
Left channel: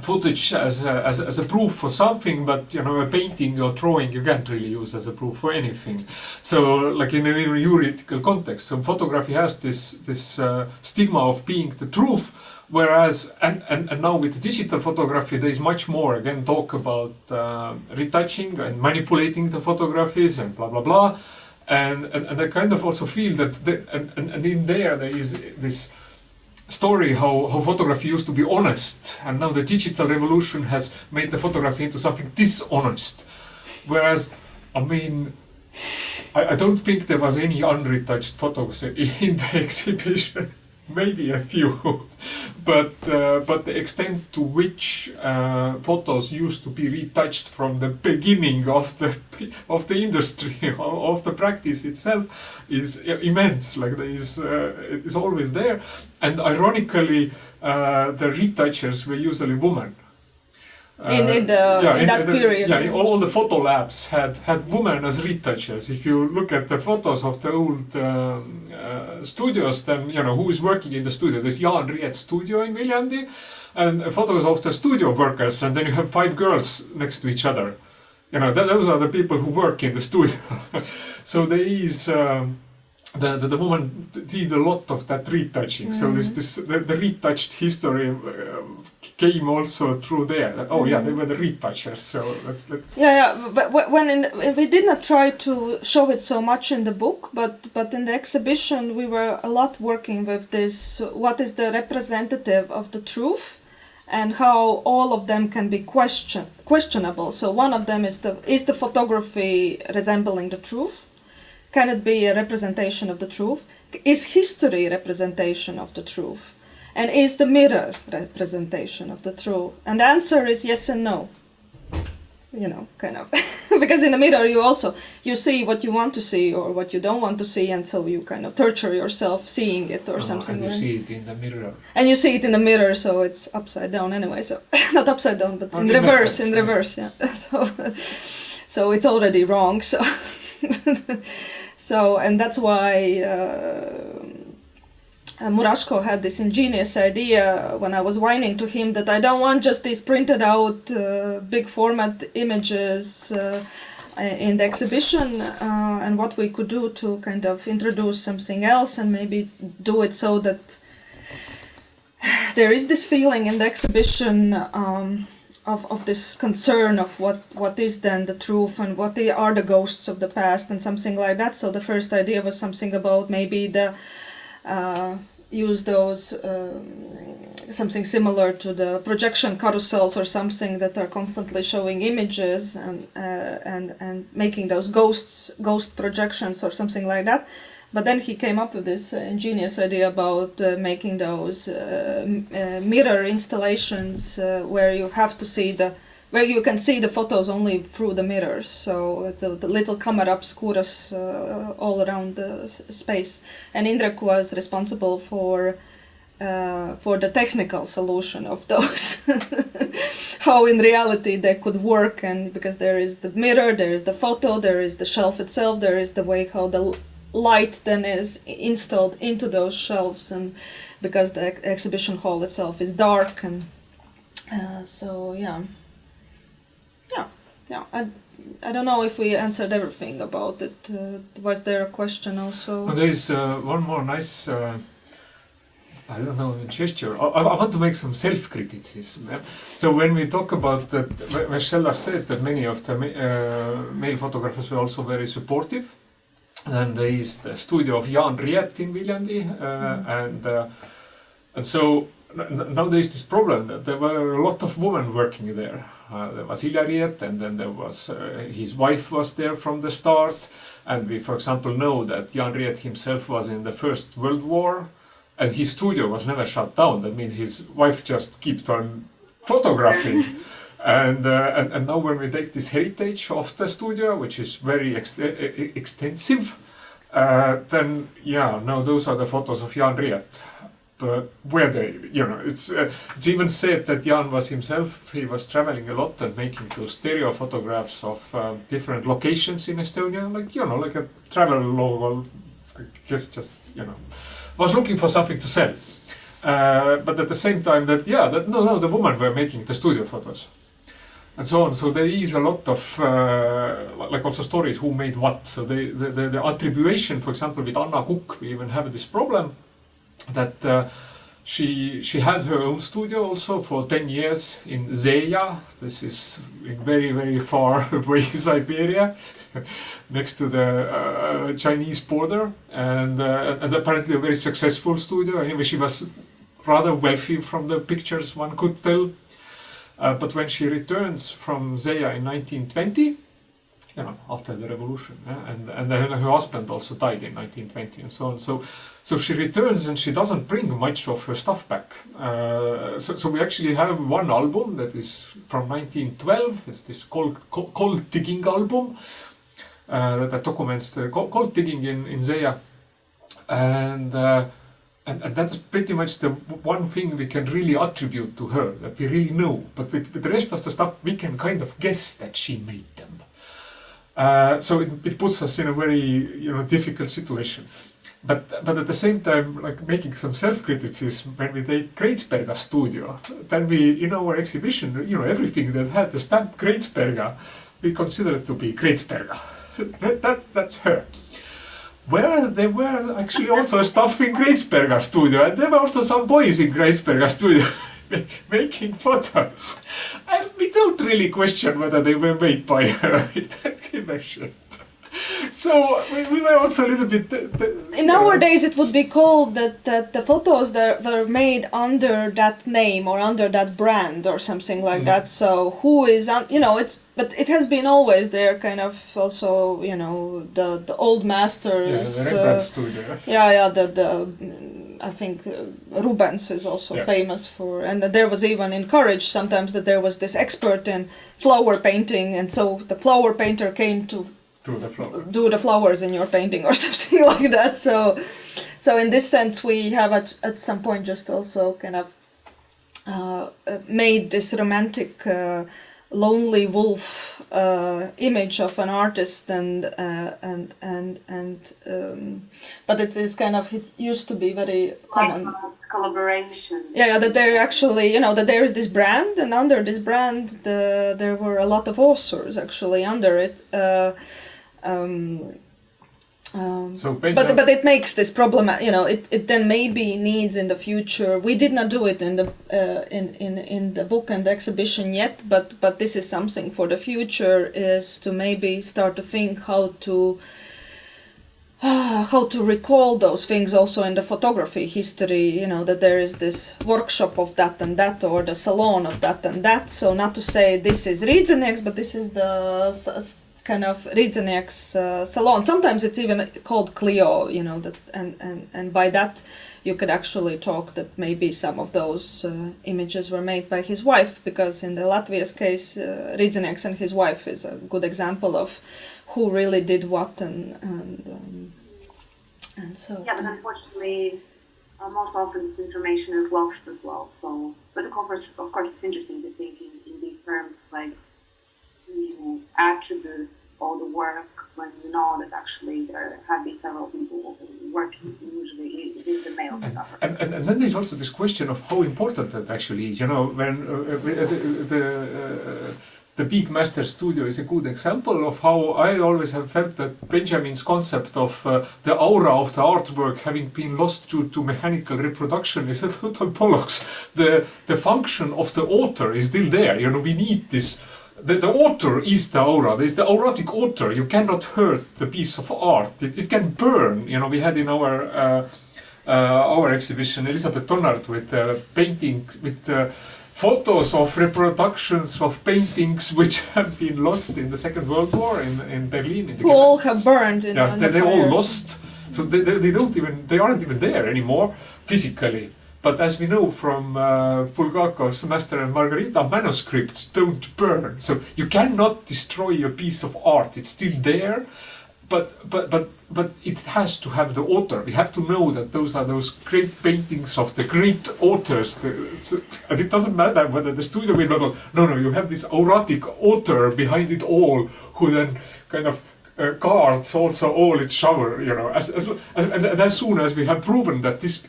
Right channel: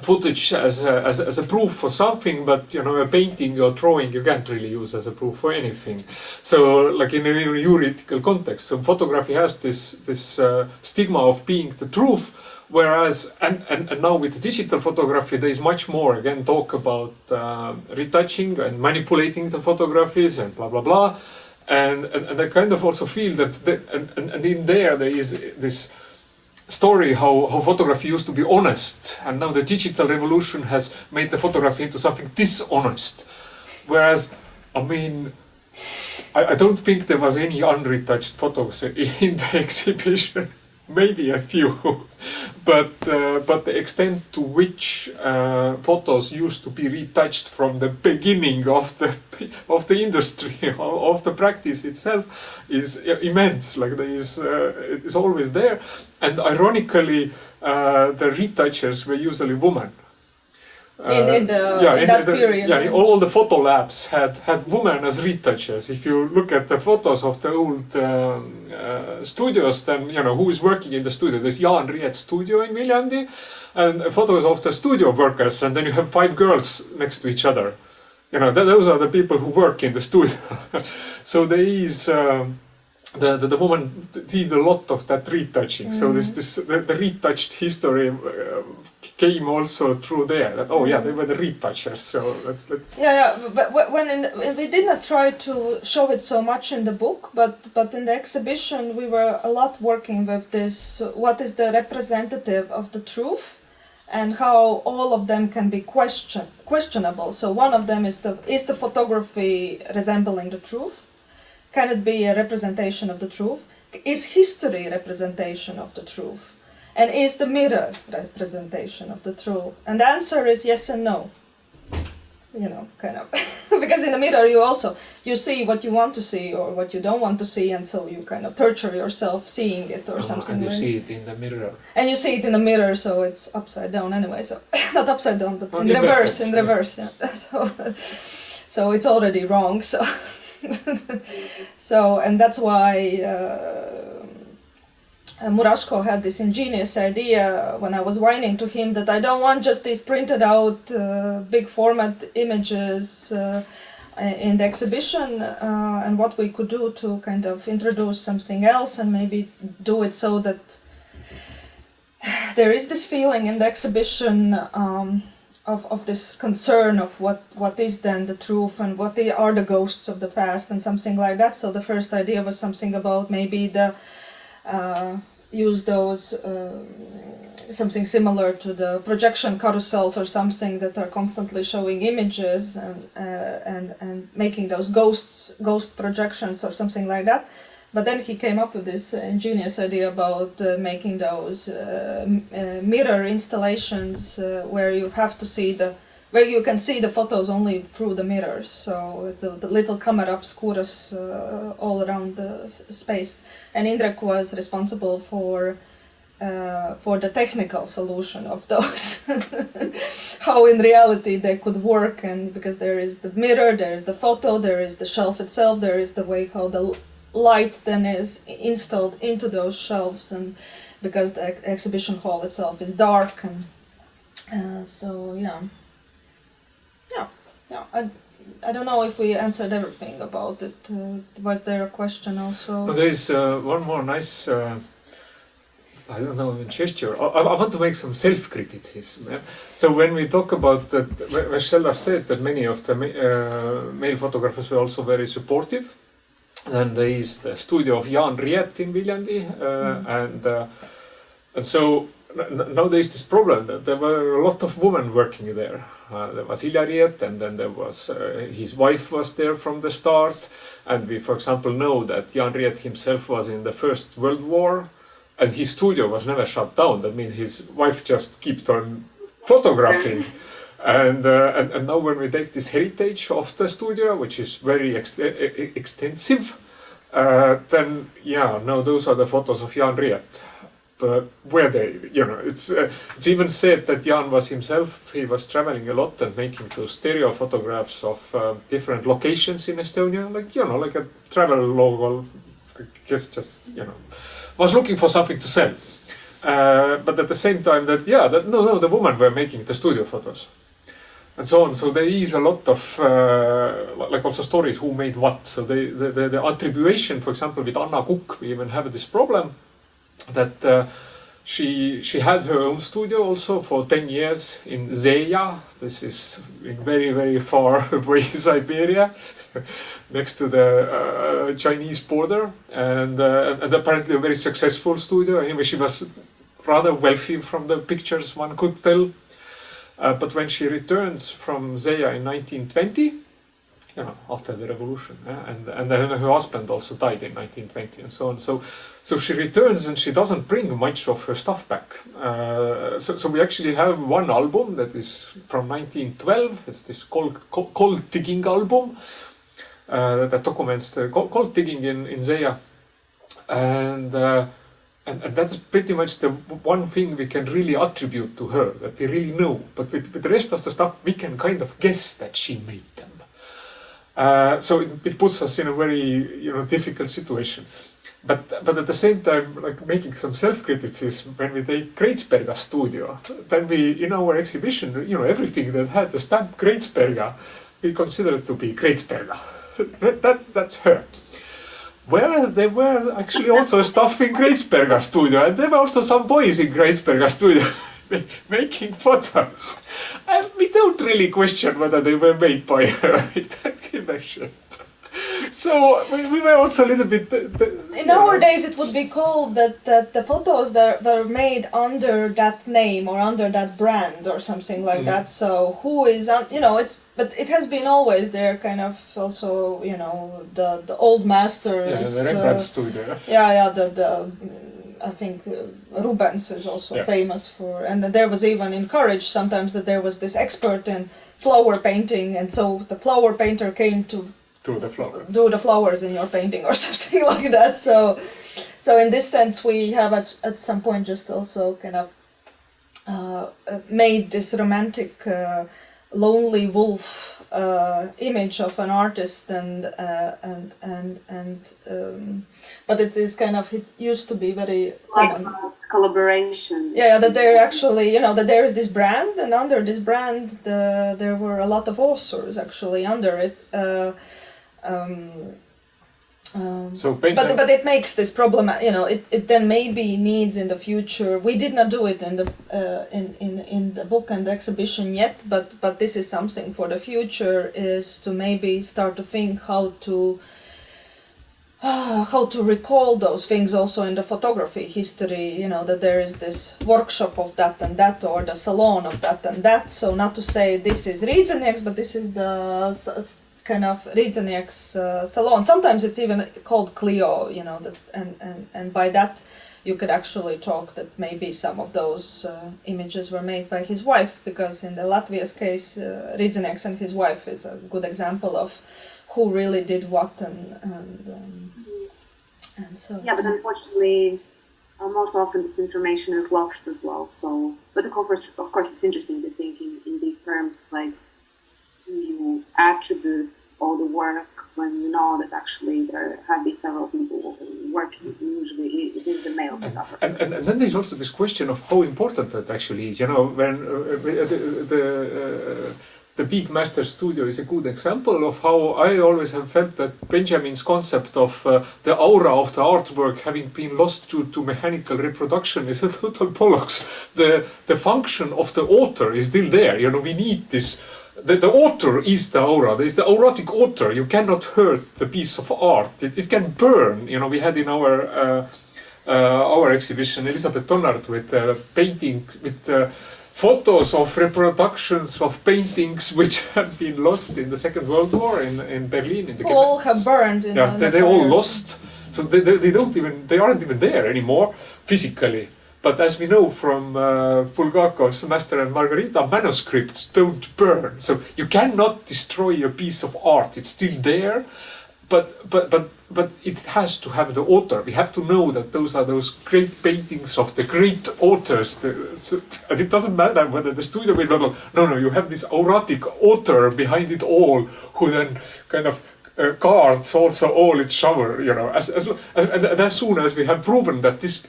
footage as a proof for something, but you know, a painting or drawing you can't really use as a proof for anything. So like in a theoretical context, so photography has this stigma of being the truth, whereas and now with the digital photography there is much more again talk about retouching and manipulating the photographies and blah blah blah, and I kind of also feel that and in there is this story how photography used to be honest, and now the digital revolution has made the photography into something dishonest. Whereas, I mean, I don't think there was any unretouched photos in the exhibition. Maybe a few, but the extent to which photos used to be retouched from the beginning of the industry of the practice itself is immense. Like there is it's always there, and ironically, the retouchers were usually women. In that period. Yeah, all the photo labs had women as retouchers. If you look at the photos of the old studios, then you know who is working in the studio. There's Jaan Riet's studio in Viljandi, and photos of the studio workers, and then you have 5 girls next to each other. You know, those are the people who work in the studio. So there is the woman did a lot of that retouching. So the retouched history came also through there. That they were the retouchers. So let's. But we did not try to show it so much in the book, but in the exhibition we were a lot working with this. What is the representative of the truth, and how all of them can be questionable. So one of them is the photography resembling the truth? Can it be a representation of the truth? Is history representation of the truth? And is the mirror representation of the truth? And the answer is yes and no. You know, kind of. Because in the mirror you see what you want to see or what you don't want to see, and so you kind of torture yourself seeing it or something. And you see it in the mirror. And you see it in the mirror, so it's upside down anyway. So not upside down, but in reverse. In reverse, yeah. So it's already wrong. So. So, and that's why Murashko had this ingenious idea when I was whining to him that I don't want just these printed out big format images in the exhibition, and what we could do to kind of introduce something else and maybe do it so that there is this feeling in the exhibition of this concern of what is then the truth and what are the ghosts of the past and something like that. So the first idea was something about maybe use those something similar to the projection carousels or something that are constantly showing images and making those ghost projections or something like that. But then he came up with this ingenious idea about making those mirror installations where you have to see where you can see the photos only through the mirrors. So the little camera obscuras all around the space. And Indrek was responsible for the technical solution of those. How in reality they could work, and because there is the mirror, there is the photo, there is the shelf itself, there is the way how the light then is installed into those shelves, and because the exhibition hall itself is dark, and I don't know if we answered everything about it. Was there a question also? There is one more nice I don't know, gesture. I want to make some self-criticism. Yeah? So when we talk about that, when Šelda said that many of the male photographers were also very supportive, Then there is the studio of Jaan Riet in Viljandi, and so now there is this problem that there were a lot of women working there. There was Ilja Riet, and then there was his wife was there from the start. And we, for example, know that Jaan Riet himself was in the First World War, and his studio was never shut down. That means his wife just kept on photographing. And now when we take this heritage of the studio, which is very extensive, then now those are the photos of Jaan Riet. But where they, it's even said that Jaan was himself, he was traveling a lot and making those stereo photographs of different locations in Estonia, like a travel logo, I guess was looking for something to sell. But at the same time the women were making the studio photos. And so on. So there is a lot of also stories who made what. So the attribution, for example, with Anna Kukk, we even have this problem that she had her own studio also for 10 years in Zeya. This is in very, very far away Siberia, next to the Chinese border, and apparently a very successful studio. Anyway, she was rather wealthy from the pictures one could tell. But when she returns from Zeya in 1920, after the revolution, and then her husband also died in 1920 and so on. So she returns and she doesn't bring much of her stuff back. So we actually have one album that is from 1912. It's this cold digging album that documents the cold digging in Zeya. And that's pretty much the one thing we can really attribute to her, that we really know. But with the rest of the stuff, we can kind of guess that she made them. So it puts us in a very difficult situation. But at the same time, like making some self-criticism, when we take Kreitsberga studio, then we, in our exhibition, everything that had the stamp Kreitsberga, we consider it to be Kreitsberga. That's her. Whereas there were actually also stuff in Kreitsberga studio, and there were also some boys in Kreitsberga studio making photos. And we don't really question whether they were made by her in that connection. So we were also a little bit... In nowadays it would be called that the photos that were made under that name or under that brand or something like that. So who is, but it has been always there, kind of also, the old masters. Yeah, the Rembrandt studio. I think Rubens is also famous for, and there was even encouraged sometimes that there was this expert in flower painting, and so the flower painter came to do the flowers in your painting or something like that. So in this sense, we have at some point just also kind of made this romantic lonely wolf image of an artist, but it is kind of, it used to be very common. Collaboration. Yeah, that there actually, that there is this brand, and under this brand there were a lot of authors actually under it. But it makes this problem, it then maybe needs in the future. We did not do it in the book and the exhibition yet, but this is something for the future, is to maybe start to think how to recall those things also in the photography history, that there is this workshop of that and that, or the salon of that and that. So not to say this is Rīdzinieks, but this is the kind of Rīdzinieks salon. Sometimes it's even called Clio, that, and by that you could actually talk that maybe some of those images were made by his wife, because in the Latvia's case, Rīdzinieks and his wife is a good example of who really did what, and so. Yeah, but unfortunately, most often this information is lost as well. So, but of course, it's interesting to think in these terms, like you attribute all the work when you know that actually there have been several people working. Usually, it is the male photographer. And then there's also this question of how important that actually is. When the Big Master Studio is a good example of how I always have felt that Benjamin's concept of the aura of the artwork having been lost due to mechanical reproduction is a total bollocks. The function of the author is still there. We need this the author is the aura. There is the auratic author. You cannot hurt the piece of art. It can burn. You know, we had in our exhibition Elizabeth Donnard with painting with photos of reproductions of paintings which have been lost in the Second World War in Berlin. Who all have burned. They all lost. So they aren't even there anymore physically. But as we know from Bulgakov's Master and Margarita, manuscripts don't burn. So you cannot destroy a piece of art. It's still there, but it has to have the author. We have to know that those are those great paintings of the great authors. And it doesn't matter whether the studio will blah, blah. No, you have this auratic author behind it all, who then kind of guards also all its shower, you know, as soon as we have proven that this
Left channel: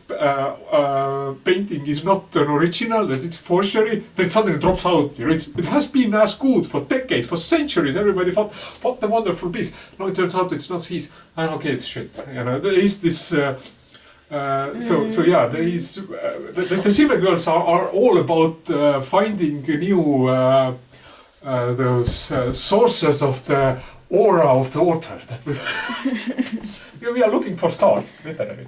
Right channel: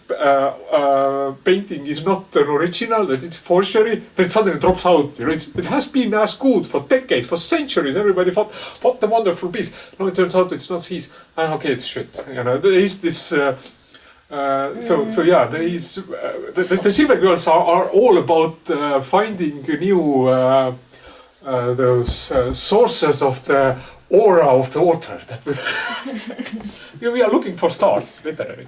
painting is not an original, that it's forgery, then it suddenly drops out. You know, it has been as good for decades, for centuries. Everybody thought, what a wonderful piece. No, it turns out it's not his. Okay, it's shit. You know, there is this. So yeah, there is the Silver Girls are all about finding new those sources of the aura of the author. That we are looking for stars, literally.